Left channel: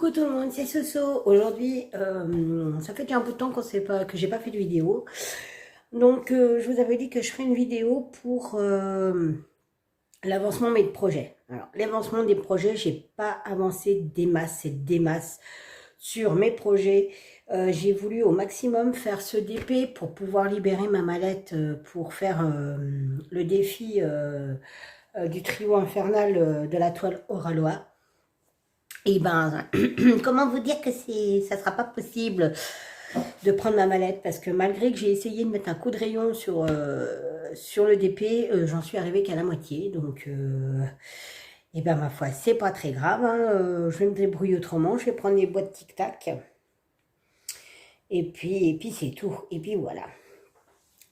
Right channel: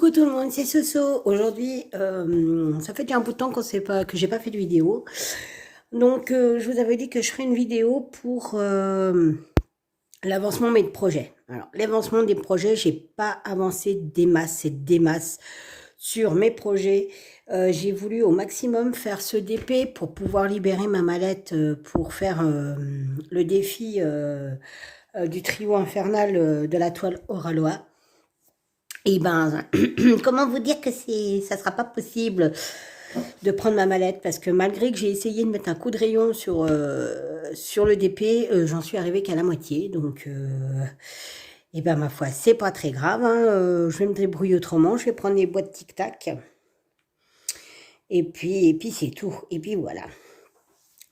Coucou tout le monde, c'est Soso. Aujourd'hui, ça fait déjà un bout de temps que j'ai pas fait de vidéo. Donc, je vous avais dit que je ferais une vidéo pour l'avancement de mes projets. Alors, l'avancement des projets, j'ai pas avancé des masses sur mes projets. J'ai voulu au maximum faire ce DP pour pouvoir libérer ma mallette pour faire le défi du trio infernal de la toile Oralois. Et ben, comment vous dire que ça sera pas possible de prendre ma mallette parce que malgré que j'ai essayé de mettre un coup de rayon sur le DP, j'en suis arrivée qu'à la moitié. Donc, et ben ma foi, c'est pas très grave. Hein, je vais me débrouiller autrement. Je vais prendre les boîtes Tic Tac. Et puis c'est tout. Et puis voilà.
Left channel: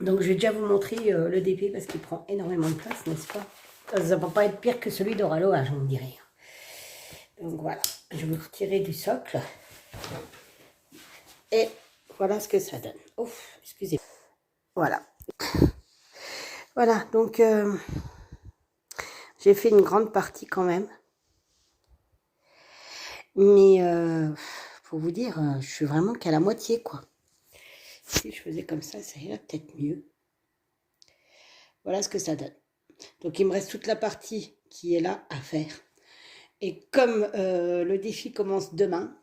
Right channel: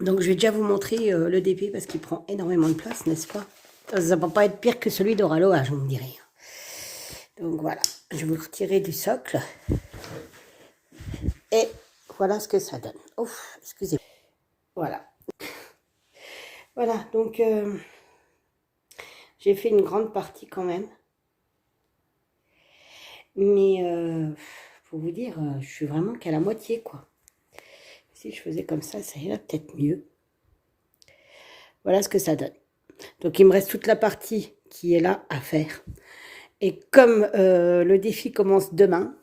Donc, je vais déjà vous montrer le DP parce qu'il prend énormément de place, n'est-ce pas? Ça ne va pas être pire que celui d'Oraloa, je vous dirais. Donc voilà, je vais me retirer du socle. Et voilà ce que ça donne. Ouf, excusez-moi. Voilà. Voilà, donc j'ai fait une grande partie quand même. Mais pour vous dire, je suis vraiment qu'à la moitié, quoi. Si je faisais comme ça irait peut-être mieux. Voilà ce que ça donne. Donc il me reste toute la partie qui est là à faire. Et comme le défi commence demain,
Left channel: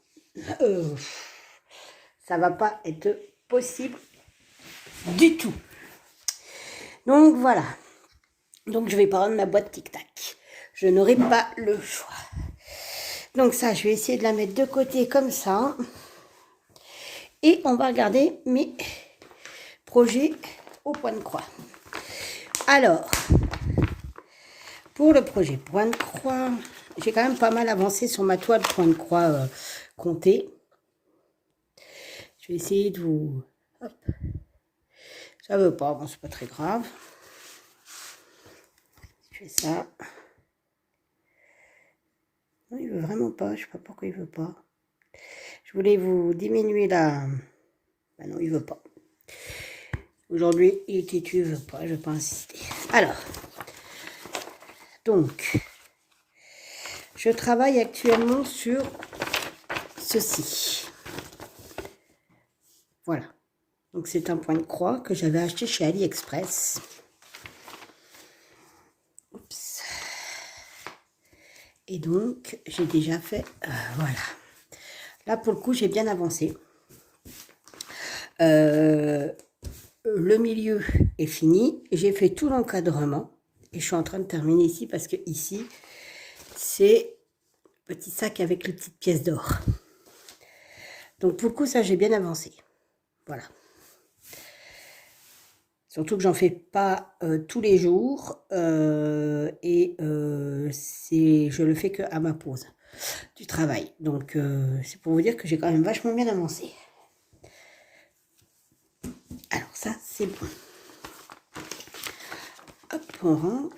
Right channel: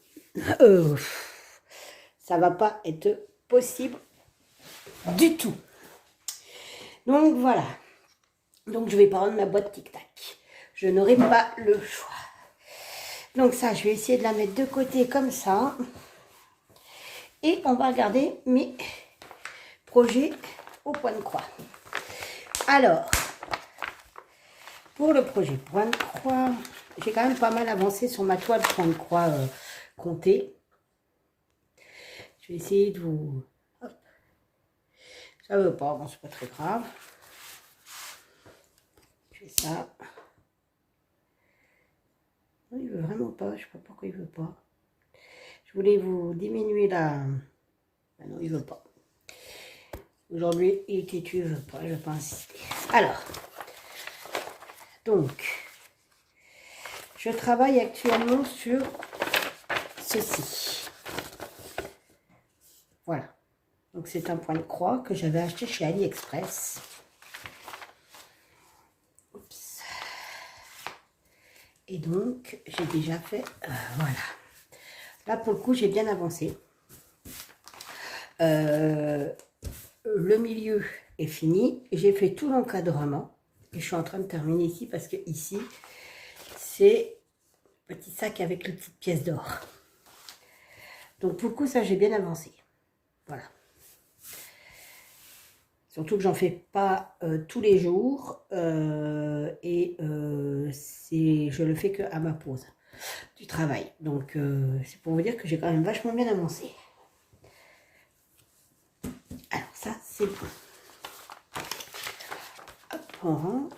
ça va pas être possible du tout. Donc voilà. Donc je vais prendre ma boîte Tic Tac. Je n'aurai pas le choix. Donc ça, je vais essayer de la mettre de côté comme ça. Et on va regarder mes projets au point de croix. Alors, pour le projet point de croix, j'ai quand même pas mal avancé sur ma toile point de croix comptée. Je vais essayer de vous... Hop. Ça veut pas, bon, c'est pas très grave. Je fais ça. Non, il veut vraiment pas, je sais pas pourquoi il veut pas. Je voulais vous diminuer la... Ben non, il veut pas. Aujourd'hui, il est têtu, il veut pas, je vais pas insister. Alors, donc, je travaille actuellement sur ceci. Voilà. Donc, c'est un point de croix que j'avais acheté chez AliExpress. Oups. Et donc, j'ai déjà fait... voilà. Là, pour le coup, j'ai bien avancé. Le milieu est fini. J'ai fait tout l'encadrement. Et je suis en train de terminer ici parce que ici, c'est petit sac avec les petites pièces d'or. Donc, pour le coup, ça, j'ai bien avancé. Voilà. Surtout que j'en fais pas tous les jours. Je le fais que à ma pause du travail. Donc, c'est pour vous dire que j'ai quand même vachement bien avancé. Alors, ça, c'est bon. Hop, on rentre.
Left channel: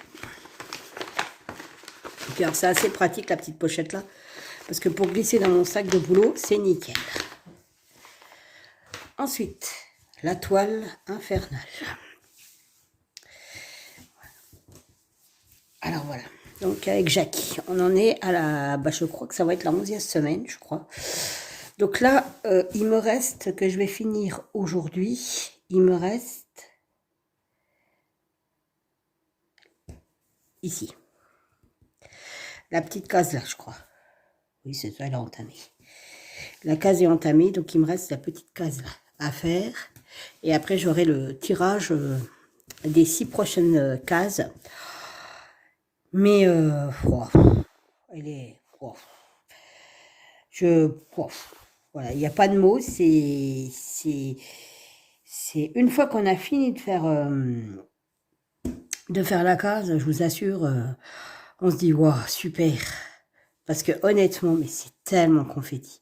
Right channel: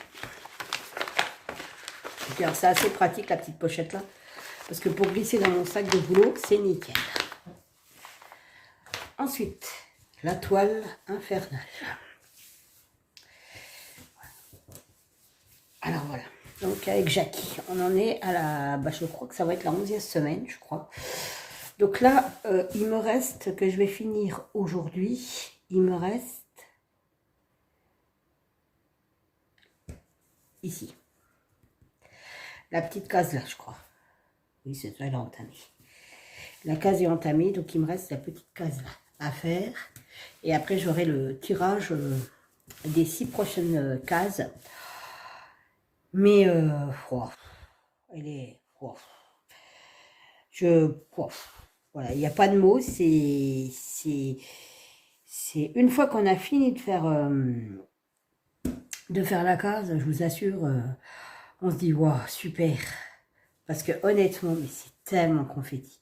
Et puis, alors, c'est assez pratique, la petite pochette là. Parce que pour glisser dans mon sac de boulot, c'est nickel. Ensuite, la toile infernale. Alors voilà, donc avec Jackie, on en est à la... je crois que ça va être la 11e semaine, je crois. Donc là, il me reste, que je vais finir aujourd'hui, il me reste ici. La petite case là, je crois. Oui, c'est ça, elle est entamée. La case est entamée, donc il me reste la petite case là à faire. Et après, j'aurai le tirage des 6 prochaines cases. Mais, elle est... voilà, il n'y a pas de mots, c'est une fois qu'on a fini de faire la case, je vous assure, on se dit, waouh, super. Parce que honnêtement, mais c'est tellement confetti.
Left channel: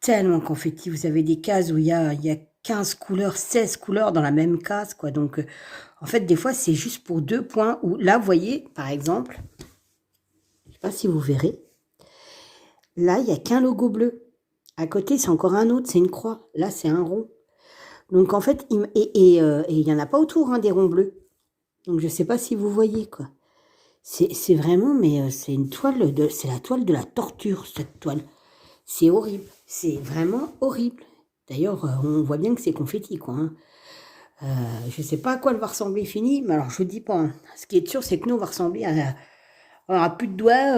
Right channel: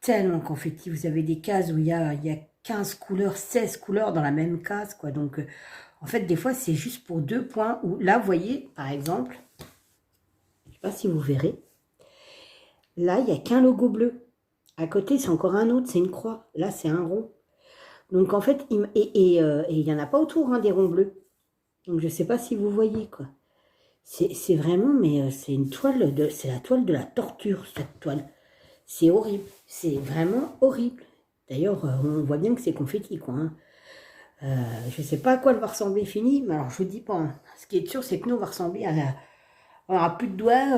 Tellement confetti. Vous avez des cases où il y a 15 couleurs, 16 couleurs dans la même case, quoi. Donc, en fait, des fois, c'est juste pour 2 points. Où, là, vous voyez, par exemple, je ne sais pas si vous verrez, là, il n'y a qu'un logo bleu. À côté, c'est encore un autre, c'est une croix. Là, c'est un rond. Donc, en fait, il n'y en a pas autour, hein, des ronds bleus. Donc, je ne sais pas si vous voyez, quoi. C'est vraiment, mais c'est une toile, c'est la toile de la torture, cette toile. C'est horrible. C'est vraiment horrible. D'ailleurs, on voit bien que c'est confetti, quoi. Hein. Je ne sais pas à quoi elle va ressembler fini, mais alors je vous dis pas. Hein. Ce qui est sûr, c'est que nous, on va ressembler à... On n'aura plus de doigts,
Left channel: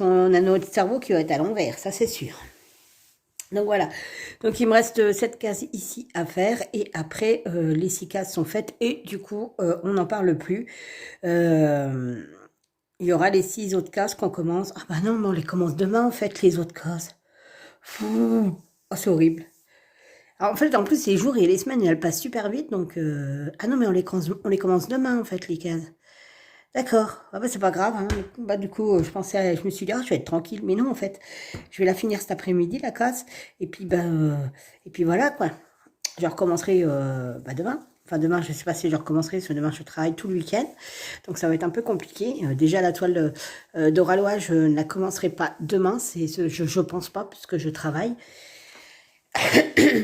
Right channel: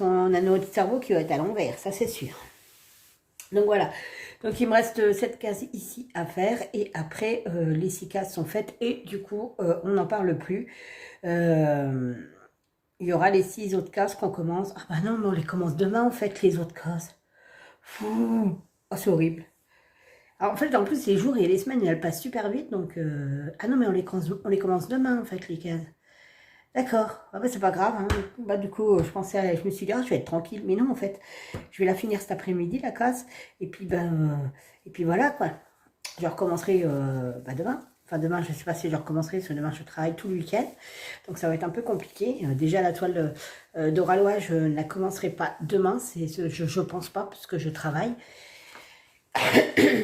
on a notre cerveau qui va être à l'envers, ça c'est sûr. Donc voilà, donc il me reste cette case ici à faire et après les 6 cases sont faites et du coup on n'en parle plus. Il y aura les 6 autres cases qu'on commence. Ah bah non, mais on les commence demain en fait les autres cases. Oh, c'est horrible. Alors en fait en plus les jours et les semaines elles passent super vite donc... Ah non mais on les commence demain en fait les cases. D'accord, ah bah, c'est pas grave. Hein. Bah, du coup, je me suis dit, ah, je vais être tranquille. Mais non, en fait, je vais la finir cet après-midi, la casse. Et puis voilà, quoi. Je recommencerai demain. Enfin, demain, je ne sais pas si je recommencerai, parce que demain, je travaille tout le week-end. Donc, ça va être un peu compliqué. Déjà, la toile d'Oralois, je ne la commencerai pas demain. Je ne pense pas, puisque je travaille.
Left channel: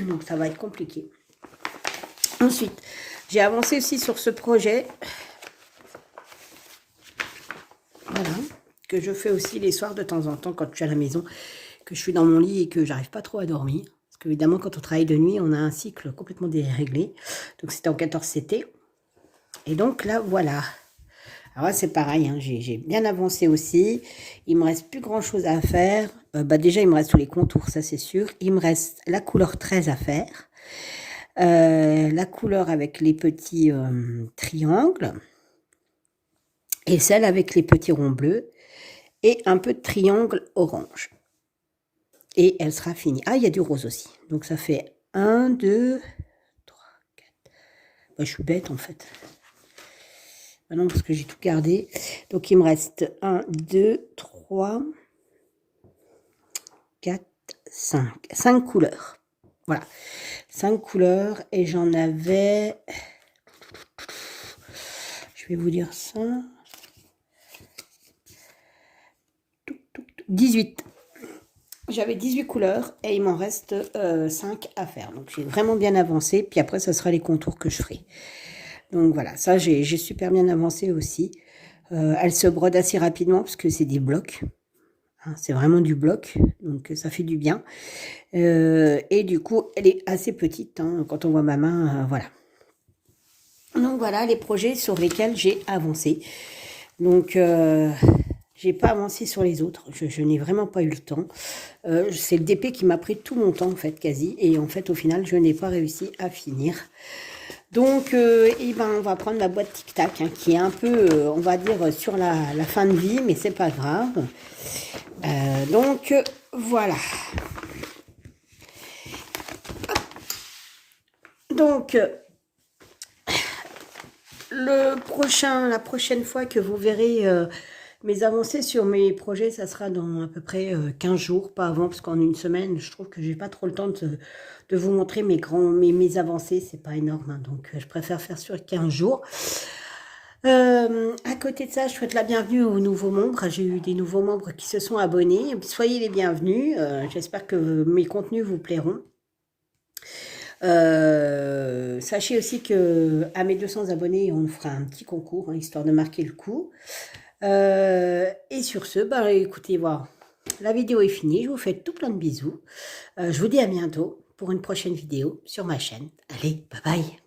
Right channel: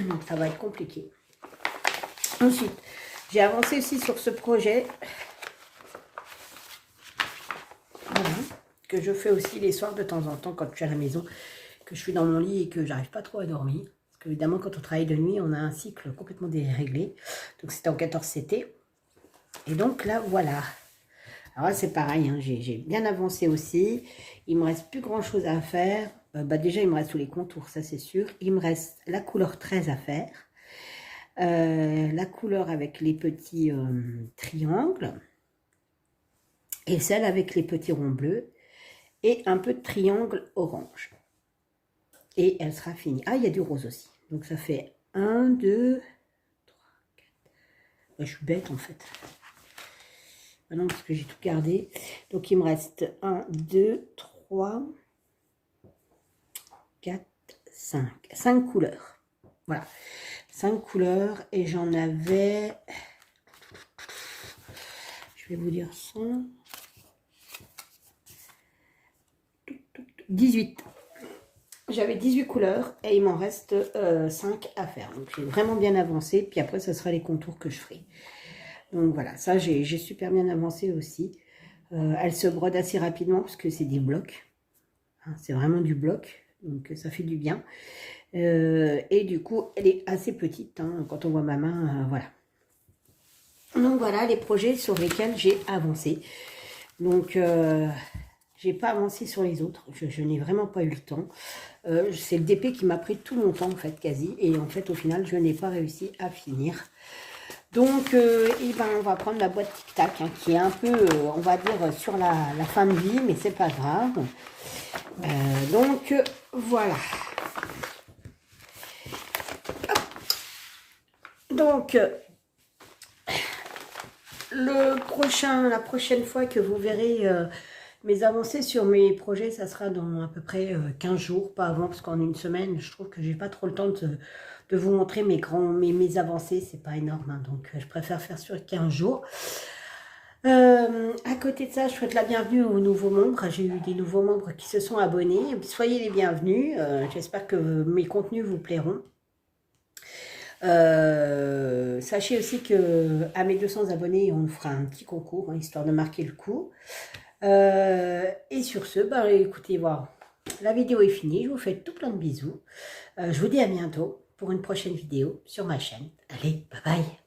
Donc, ça va être compliqué. Ensuite, j'ai avancé aussi sur ce projet. Voilà, que je fais aussi les soirs de temps en temps quand je suis à la maison, que je suis dans mon lit et que j'arrive pas trop à dormir. Parce qu'évidemment, quand on travaille de nuit, on a un cycle complètement déréglé. Donc, c'était en 14CT. Et donc, là, voilà. Alors là, c'est pareil, hein, j'ai bien avancé aussi. Il me reste plus grand-chose à faire. Déjà, il me reste tous les contours, ça, c'est sûr. Il me reste la couleur 13 à faire. La couleur avec les petits triangles. Et celle avec les petits ronds bleus. Et un peu de triangle orange. Et elle sera finie. Ah, il y a du rose aussi. Donc, ça fait 1, 2, 3, 4. Bah, je suis bête, en fait. Ah non, parce que j'ai tout gardé. Donc, il me reste 1, 2, 3, 4, 5. 5 couleurs. Voilà. 5 couleurs. Et j'en avais... Je vais vous dire ça. 18. J'avais 18 couleurs et il m'en reste 5 à faire. Donc, j'ai vraiment bien avancé. Puis après, ce sera les contours que je ferai. Donc, voilà. Ça, j'ai super bien avancé aussi. Elle se brode assez rapidement parce que c'est des blocs. Hein, c'est vraiment du bloc. Donc, ça fait du bien. Et du coup, elle est assez petite. Hein, quand on voit ma main, voilà. Donc, voilà les projets sur lesquels j'ai avancé. Donc... j'ai pas avancé sur les autres, je n'ai vraiment pas eu le temps. C'est le DP qui m'a pris tout mon temps, en fait, quasi. Et en fait, au final, je n'ai pas réussi à finir. Donc, on va prendre la boîte Tic Tac, hein, qui est un peu, on va dire, sur la fin de vie, mais c'est pas grave. Donc, voilà. Donc, la prochaine fois que vous verrez... mes avancées sur mes projets, ça sera dans à peu près 15 jours, pas avant, parce qu'en une semaine, je trouve que j'ai pas trop le temps de vous montrer mes avancées, c'est pas énorme, hein, donc je préfère faire sur 15 jours. À côté de ça, je souhaite la bienvenue aux nouveaux membres. J'ai eu des nouveaux membres qui se sont abonnés. Soyez les bienvenus. J'espère que mes contenus vous plairont. Sachez aussi que à mes 200 abonnés, on fera un petit concours, hein, histoire de marquer le coup. Et sur ce, écoutez, voilà, la vidéo est finie. Je vous fais tout plein de bisous. Je vous dis à bientôt pour une prochaine vidéo sur ma chaîne. Allez, bye bye.